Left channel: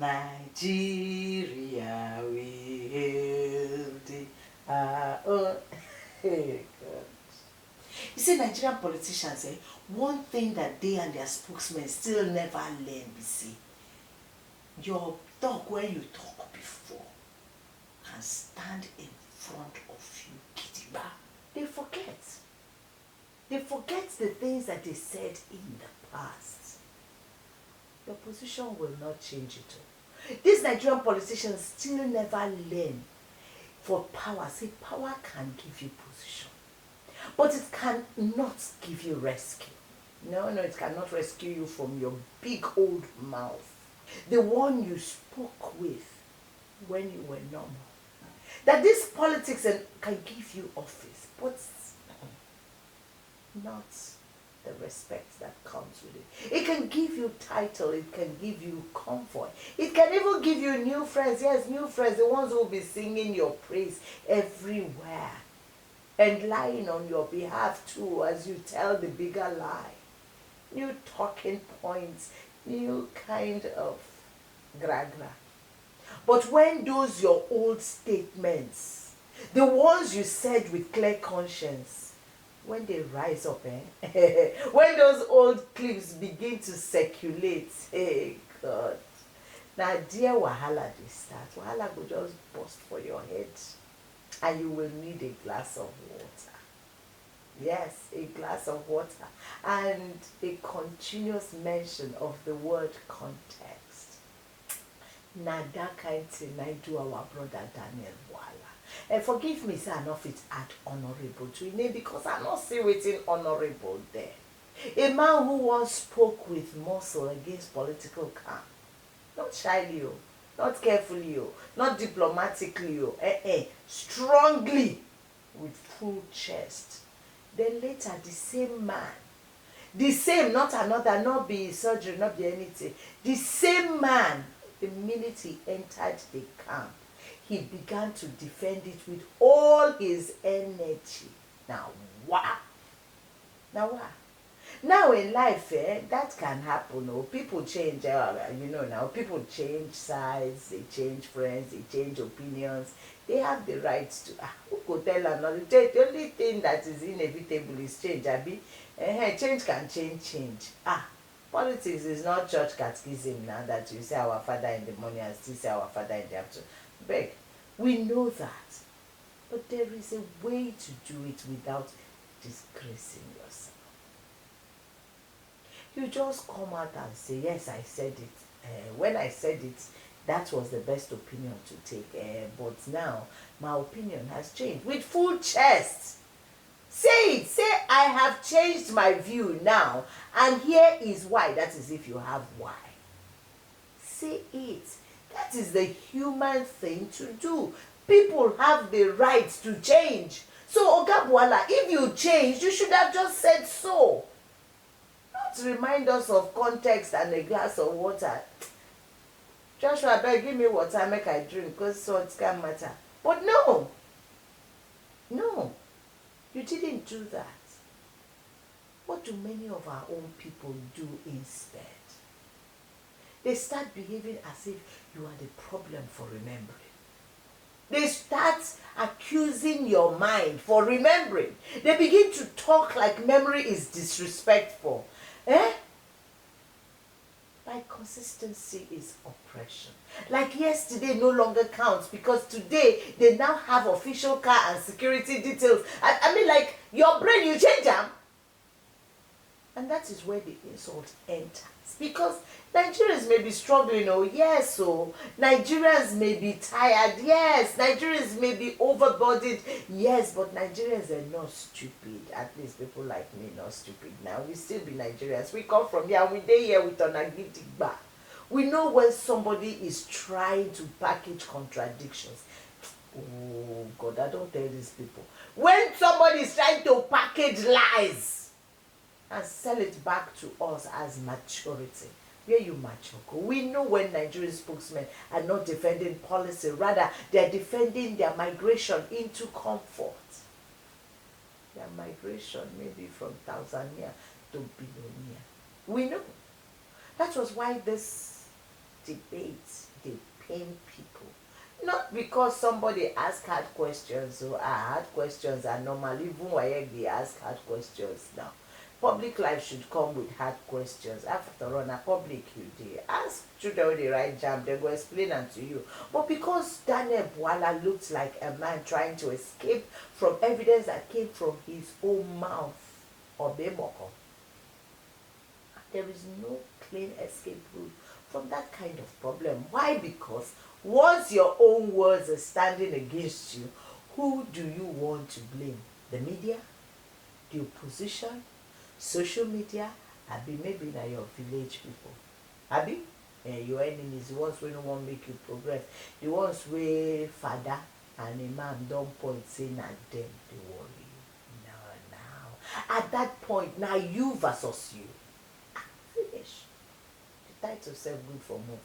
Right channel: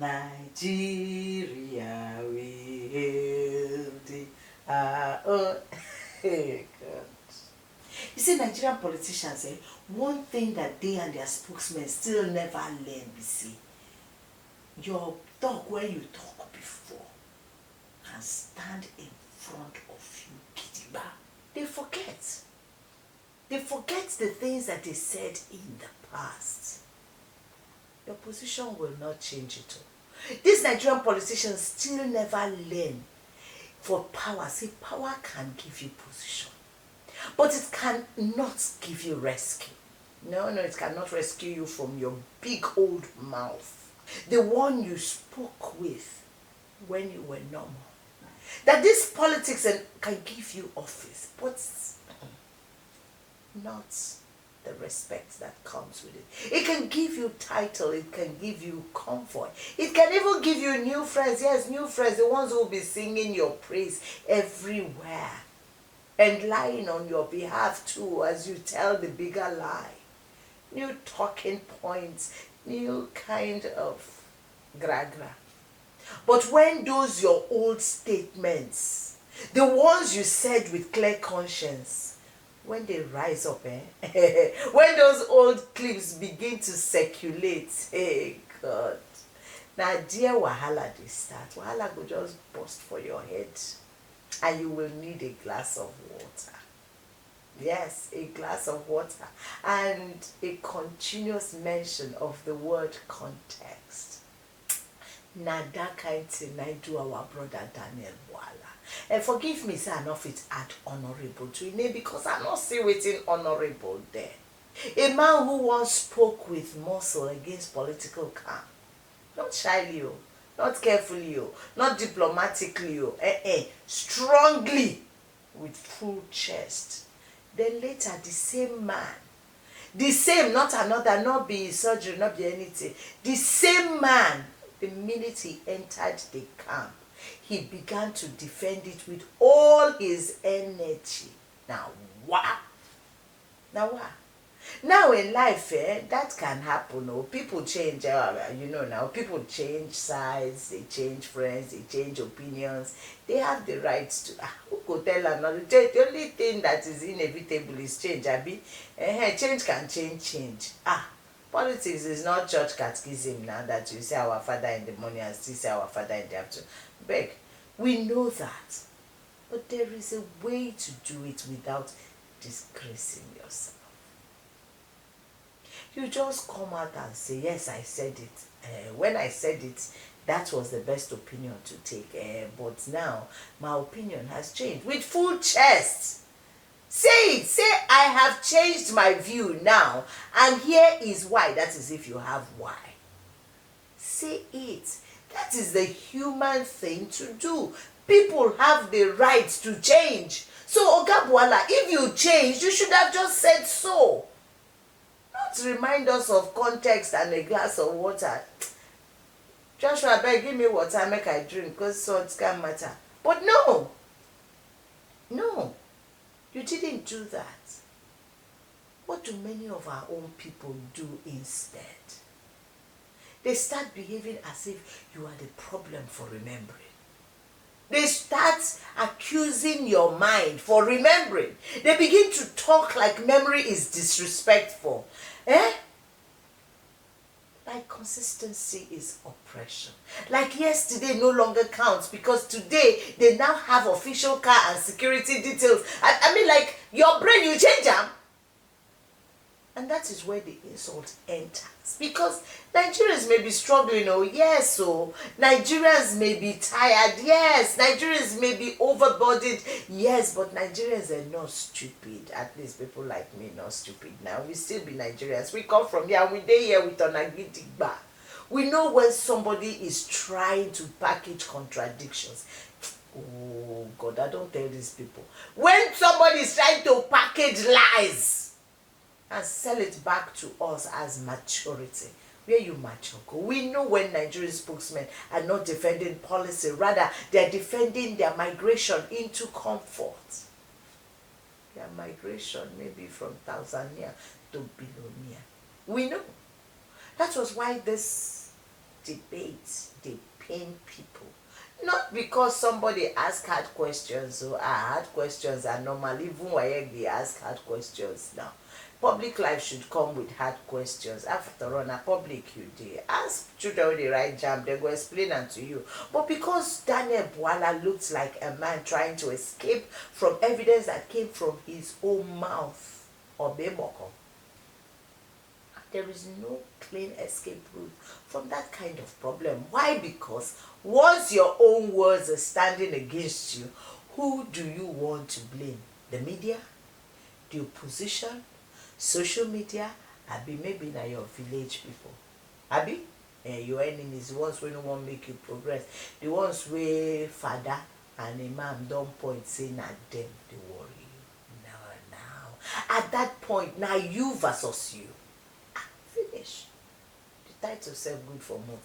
Nigeria, we hail thee. Oh, hey, God. You see, Nigerian politicians, one thing that they and their spokesmen still never learn, you see, your dog where you talk before can stand in front of you, Kidiba. They forget. They forget the things that they said in the past. Your position will not change it all. These Nigerian politicians still never learn for power. See, power can give you position, but it cannot give you rescue. No, it cannot rescue you from your big old mouth. The one you spoke with when you were normal. That this politics can give you office, but not the respect that comes with it. It can give you title, it can give you comfort, it can even give you new friends. Yes, new friends, the ones who will be singing your praise everywhere and lying on your behalf too as you tell the bigger lie. New talking points, new kind of gra-gra. But when those your old statements, the ones you said with clear conscience, when they rise up, when those old clips begin to circulate, hey God, now dear wahala they start. Wahala go just burst for your head, and you will need a glass of water. Yes, a glass of water and a continuous mention of the word context. Na that kind thing I do our brother Daniel Wala. And forgive me, say I no fit add honorable to it name because I not see wetin honorable there. A man who once spoke with muscle against political calm. Not shyly, not carefully, not diplomatically, strongly, with full chest. Then later the same man, the same, not another, not be surgery, not be anything, the same man, the minute he entered the camp, he began to defend it with all his energy. Now, wow. Now in life, that can happen. People change, now, people change sides, they change friends, they change opinions. They have the right to, who could tell another? The only thing that is inevitable is change, Abi. Change can change. Politics is not church catechism now that you say our Father in the morning and still say our Father in the afternoon. Beg, we know that. But there is a way to do it without disgracing yourself. You just come out and say, yes, I said it. When I said it, that was the best opinion to take. But now, my opinion has changed. With full chest. Say it. Say, I have changed my view now. And here is why. That is if you have why. Say it. That is the human thing to do. People have the right to change. So, Oga Buala, if you change, you should have just said so. Not remind us of context and a glass of water. Joshua, beg, give me water, make I drink, because salt can't matter. But no, you didn't do that. What do many of our own people do instead? They start behaving as if you are the problem for remembering. They start accusing your mind for remembering. They begin to talk like memory is disrespectful. Like consistency is oppression. Like yesterday no longer counts because today they now have official car and security details. I mean, like, your brain, you change them. And that is where the insult enters. Because Nigerians may be struggling, yes, so Nigerians may be tired, yes, Nigerians may be overburdened, yes, but Nigerians are not stupid. At least people like me not stupid now. We still be Nigerians. We come from here and we dey here with Onagidigba. We know when somebody is trying to package contradictions. Oh God, I don't tell these people. When somebody is trying to package lies and sell it back to us as maturity. Where you mature? We know when Nigerian spokesmen are not defending policy, rather they are defending their migration into comfort. Their migration maybe from Tanzania to Bilonia. We know. That was why this debates, they pain people. Not because somebody asked hard questions, so hard questions are normal, even when they ask hard questions now. Public life should come with hard questions. After all, na public you dey. Ask children wey dey write jam, they go explain am to you. But because Daniel Bwala looked like a man trying to escape from evidence that came from his own mouth, Obemoko, there is no clean escape route from that kind of problem. Why? Because once your own words are standing against you, who do you want to blame? The media? The opposition? Social media? Abi maybe na your village people? Abi? Your enemies, the ones wey no wan make you progress, the ones wey father and imam don point say na dem dey worry you. Now. At that point, na you versus you. Finish. The title self good for movie.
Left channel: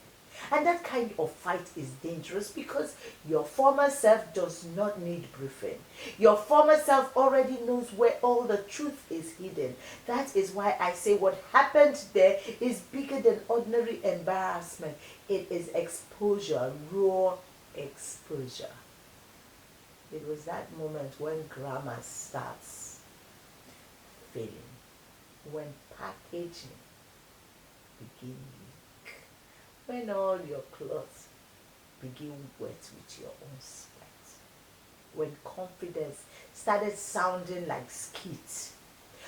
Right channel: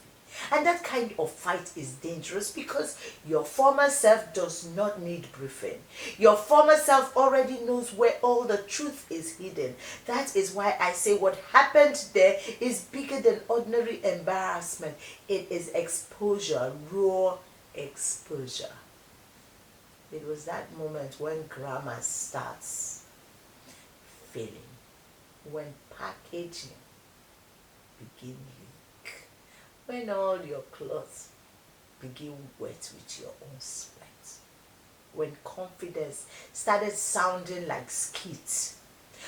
And that kind of fight is dangerous because your former self does not need briefing. Your former self already knows where all the truth is hidden. That is why I say what happened there is bigger than ordinary embarrassment. It is exposure, raw exposure. It was that moment when grammar starts failing, when packaging begin leak, when all your clothes begin wet with your own sweat, when confidence started sounding like skit,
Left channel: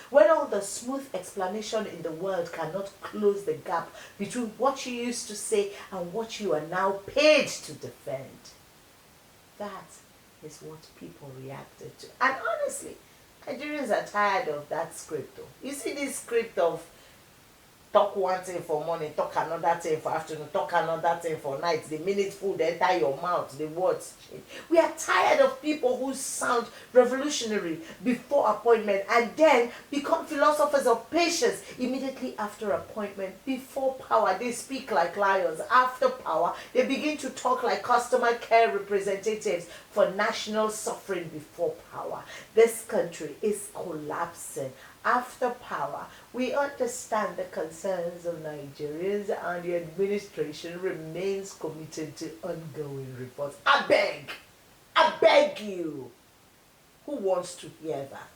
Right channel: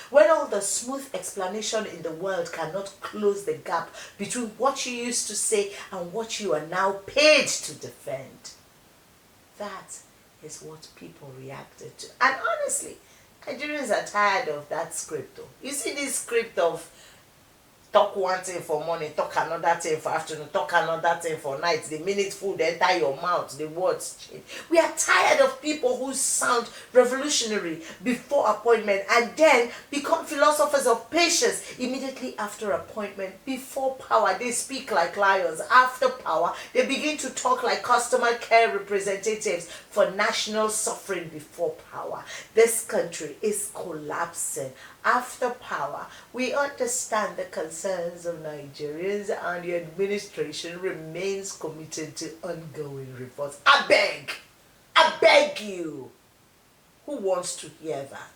when all the smooth explanation in the world cannot close the gap between what you used to say and what you are now paid to defend. That is what people reacted to. And honestly, Nigerians are tired of that script though. You see this script of talk one thing for morning, talk another thing for afternoon, talk another thing for night. The minute food enter your mouth, the words change. We are tired of people who sound revolutionary before appointment and then become philosophers of patience immediately after appointment. Before power, they speak like lions. After power, they begin to talk like customer care representatives for national suffering before power. This country is collapsing. After power, we understand the concerns of Nigerians and the administration remains committed to ongoing reforms. I beg you. Who wants to hear that?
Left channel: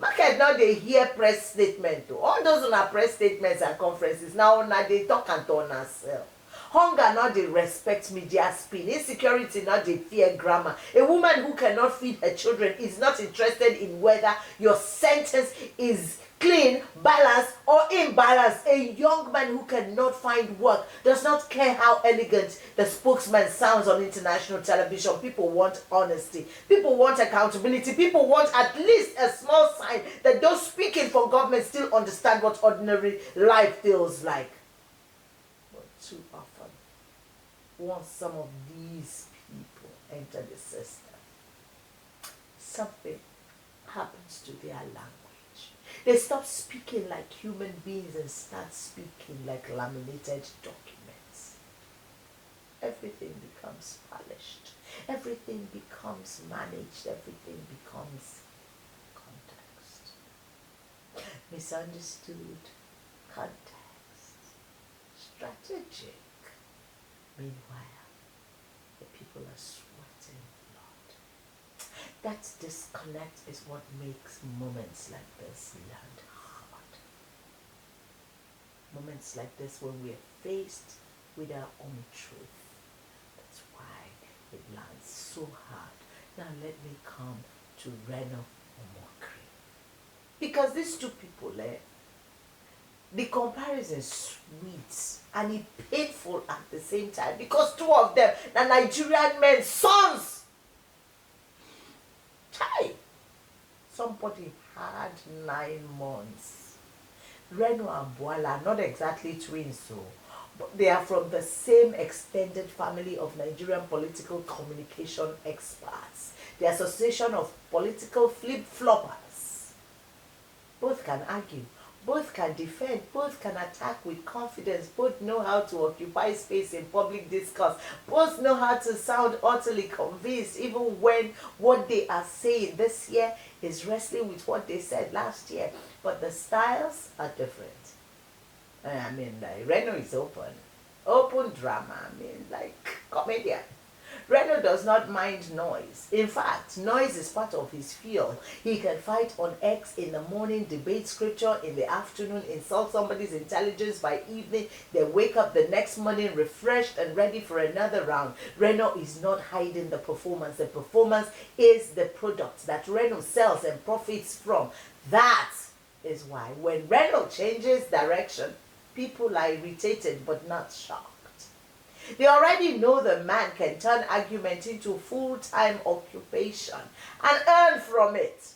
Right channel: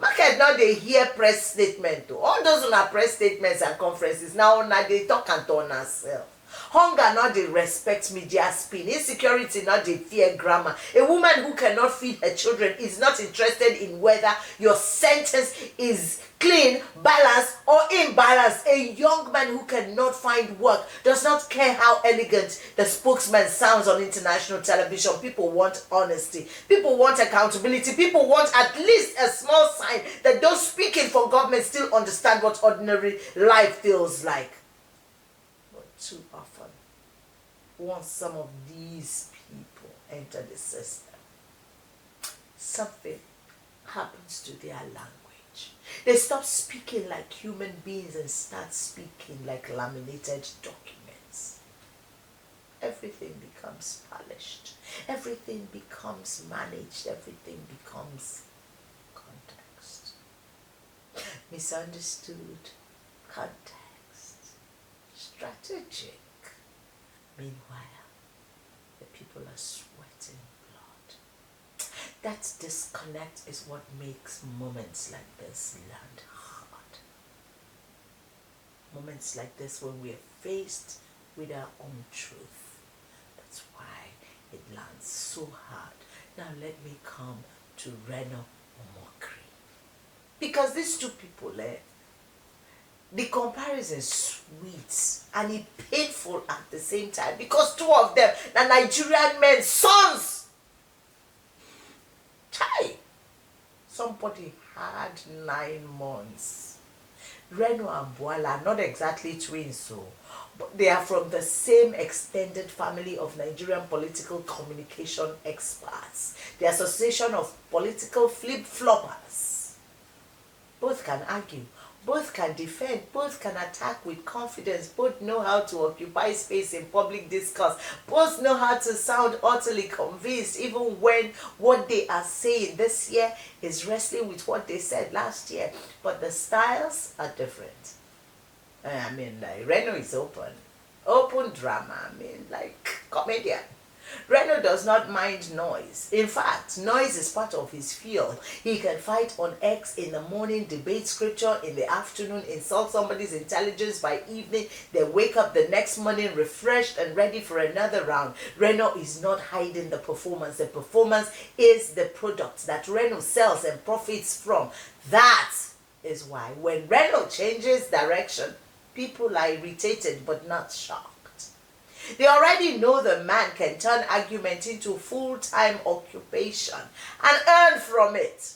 Market not they hear press statement though. All those on our press statements and conferences now they talk and turn ourselves. Hunger not they respect media spin. Insecurity not they fear grammar. A woman who cannot feed her children is not interested in whether your sentence is clean, balanced, or imbalanced. A young man who cannot find work does not care how elegant the spokesman sounds on international television. People want honesty. People want accountability. People want at least a small sign that those speaking for government still understand what ordinary life feels like. But too often, once some of these people enter the system, something happens to their language. They stop speaking like human beings and start speaking like laminated documents. Everything becomes polished. Everything becomes managed. Everything becomes context. Misunderstood. Context. Strategic. Meanwhile, the people are sweating blood. That disconnect is what makes moments like this land hard. Moments like this when we are faced with our own truth. That's why it lands so hard. Now let me come to Reno Omokri. Because these two people, the comparison is sweet and it's painful at the same time because two of them are Nigerian men's sons. Chai! Somebody had 9 months. Reno and Bwala are not exactly twins, but they are from the same extended family of Nigerian political communication experts, the Association of Political Flip-Floppers. Both can argue. Both can defend, both can attack with confidence, both know how to occupy space in public discourse, both know how to sound utterly convinced even when what they are saying this year is wrestling with what they said last year. But the styles are different. I mean, Reno is open. Open drama, I mean, like comedian. Reno does not mind noise. In fact, noise is part of his field. He can fight on X in the morning, debate scripture in the afternoon, insult somebody's intelligence by evening, then wake up the next morning refreshed and ready for another round. Reno is not hiding the performance. The performance is the product that Reno sells and profits from. That is why when Reno changes direction, people are irritated but not shocked. They already know the man can turn argument into full-time occupation and earn from it.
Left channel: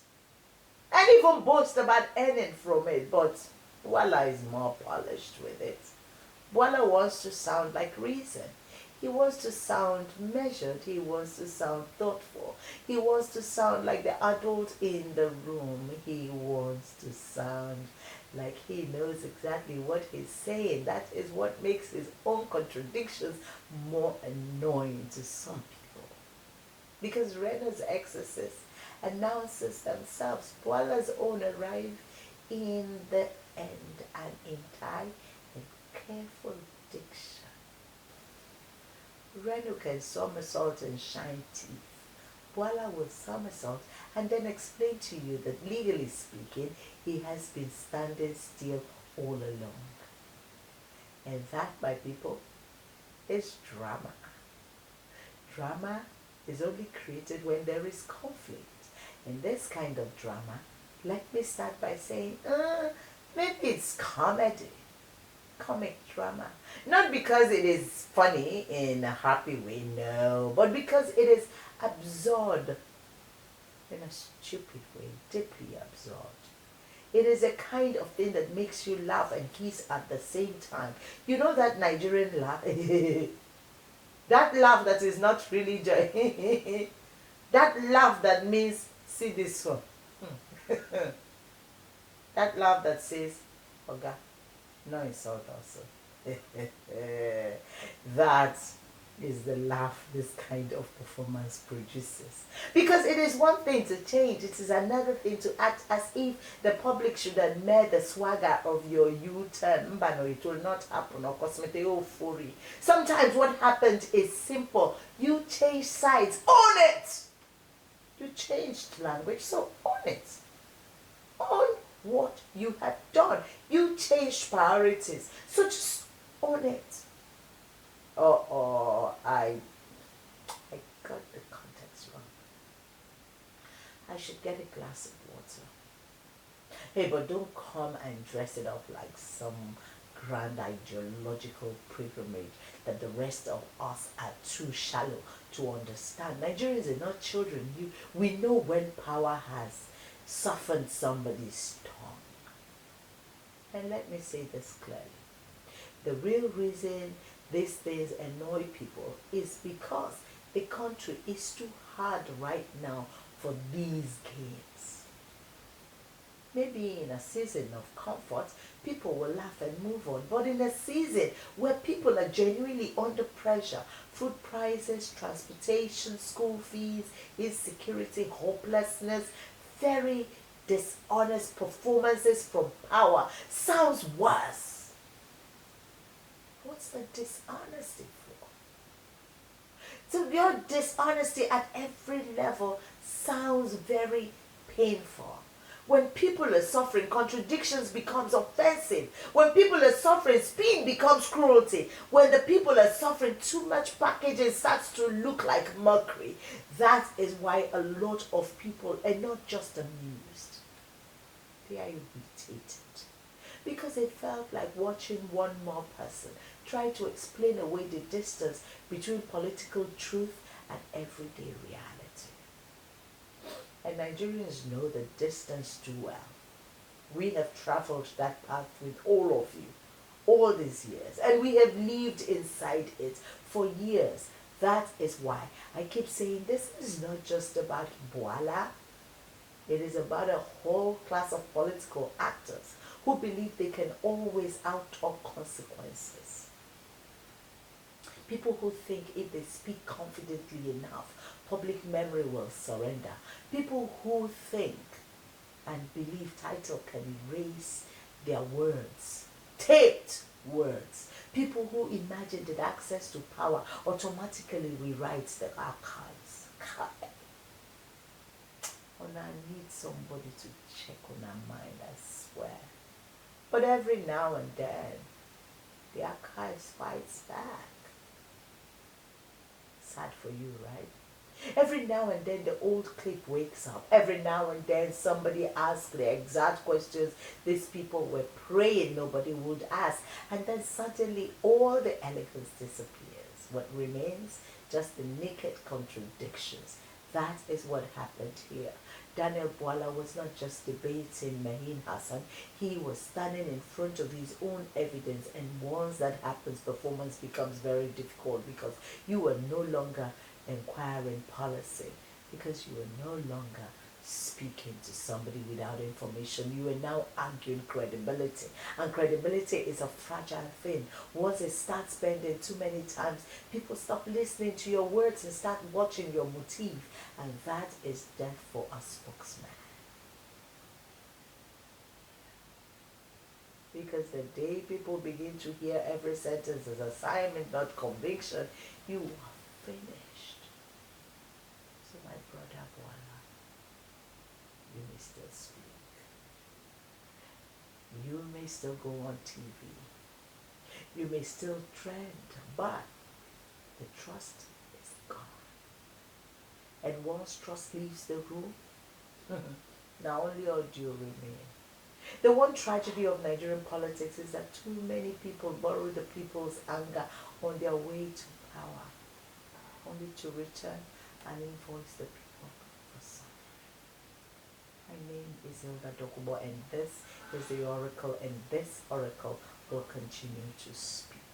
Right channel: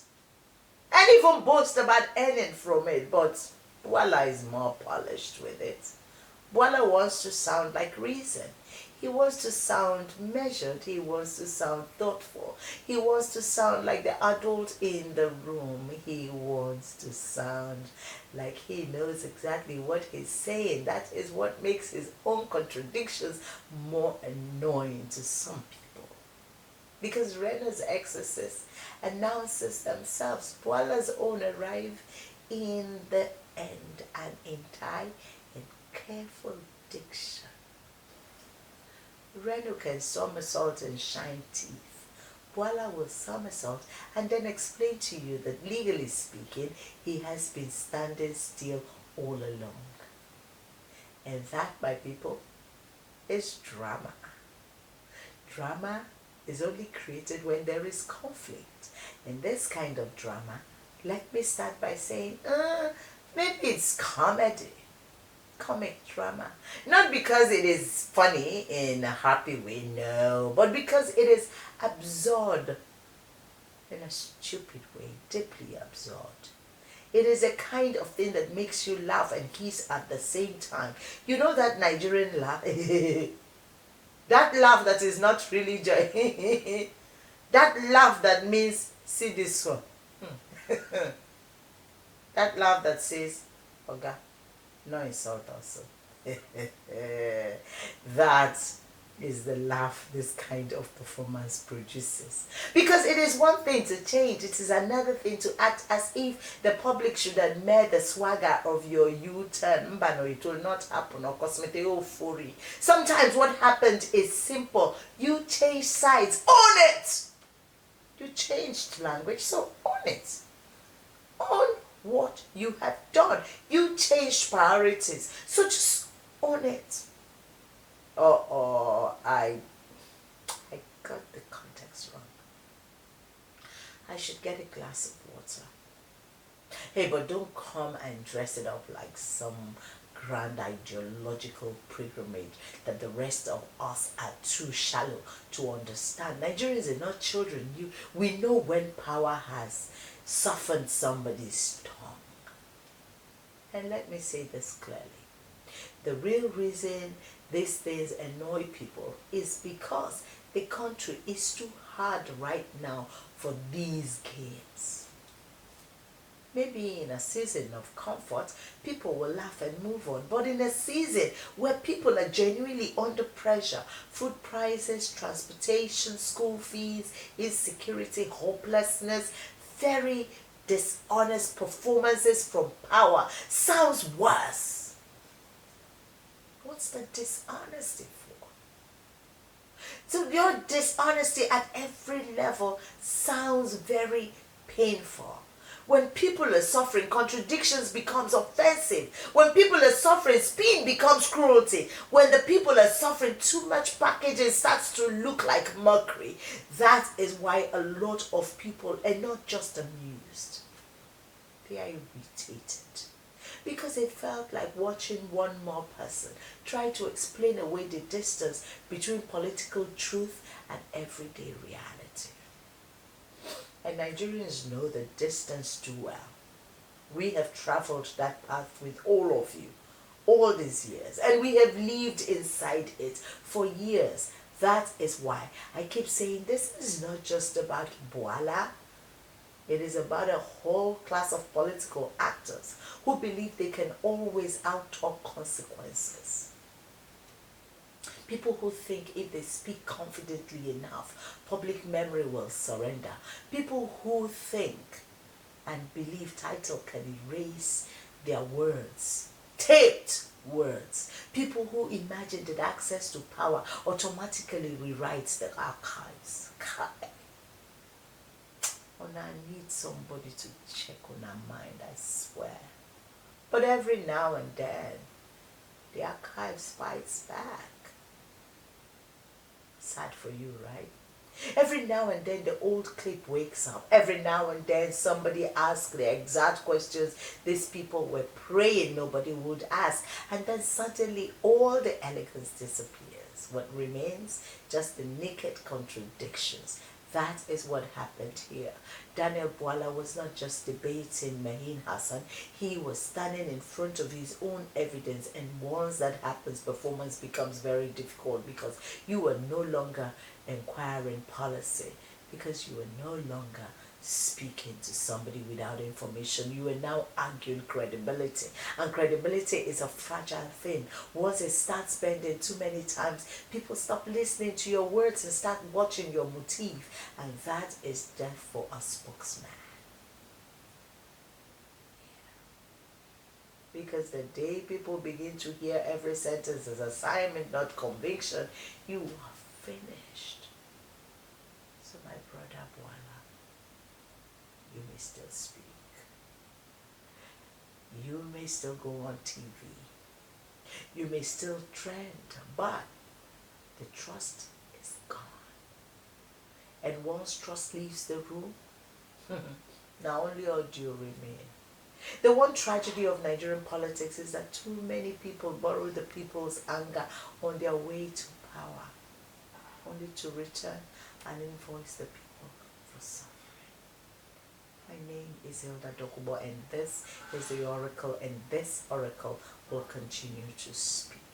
And even boast about earning from it. But Bwala is more polished with it. Bwala wants to sound like reason. He wants to sound measured. He wants to sound thoughtful. He wants to sound like the adult in the room. He wants to sound like he knows exactly what he's saying. That is what makes his own contradictions more annoying to some people. Because Rena's exorcists announces themselves. Bwala's own arrive in the end and in time in careful diction. Reno can somersault and shine teeth. Bwala will somersault and then explain to you that legally speaking, he has been standing still all along. And that, my people, is drama. Drama is only created when there is conflict. In this kind of drama, let me start by saying, maybe it's comedy. Comic drama. Not because it is funny in a happy way, no, but because it is absurd in a stupid way, deeply absurd. It is a kind of thing that makes you laugh and kiss at the same time. You know that Nigerian laugh? That laugh that is not really joy. That laugh that means, see this one. That laugh that says, Oga, no insult also. That is the laugh this kind of performance produces. Because it is one thing to change, it is another thing to act as if the public should admire the swagger of your U-turn. Mbano, it will not happen. Or cosmete. Sometimes what happened is simple. You change sides. Own it! You changed language, so own it. Own what you have done. You changed priorities, so just own it. I got the context wrong. I should get a glass of water. Hey, but don't come and dress it up like some grand ideological pilgrimage that the rest of us are too shallow to understand. Nigerians are not children. We know when power has softened somebody's tongue. And let me say this clearly. The real reason these things annoy people is because the country is too hard right now for these games. Maybe in a season of comfort, people will laugh and move on. But in a season where people are genuinely under pressure, food prices, transportation, school fees, insecurity, hopelessness, very dishonest performances from power sounds worse. What's the dishonesty for? So your dishonesty at every level sounds very painful. When people are suffering, contradictions becomes offensive. When people are suffering, spin becomes cruelty. When the people are suffering, too much packaging starts to look like mockery. That is why a lot of people are not just amused. They are irritated. Because it felt like watching one more person try to explain away the distance between political truth and everyday reality. And Nigerians know the distance too well. We have traveled that path with all of you all these years, and we have lived inside it for years. That is why I keep saying this is not just about Bwala. It is about a whole class of political actors who believe they can always out-talk consequences. People who think if they speak confidently enough, public memory will surrender. People who think and believe title can erase their words, taped words. People who imagine that access to power automatically rewrites the archives. And I need somebody to check on our mind, I swear. But every now and then, the archives fights back. Sad for you, right? Every now and then the old clip wakes up. Every now and then somebody asks the exact questions these people were praying nobody would ask. And then suddenly all the elegance disappears. What remains? Just the naked contradictions. That is what happened here. Daniel Bwala was not just debating Mahin Hassan, he was standing in front of his own evidence, and once that happens, performance becomes very difficult because you are no longer inquiring policy, because you are no longer speaking to somebody without information. You are now arguing credibility, and credibility is a fragile thing. Once it starts bending too many times, people stop listening to your words and start watching your motif, and that is death for a spokesman. Because the day people begin to hear every sentence as assignment, not conviction, you are finished. So my brother Bwala, you may still speak. You may still go on TV. You may still trend, but the trust is gone. And once trust leaves the room, now only audio remain. The one tragedy of Nigerian politics is that too many people borrow the people's anger on their way to power, only to return and invoice the people for suffering. My name is Hilda Dokubo, and this is the Oracle, and this Oracle will continue to speak.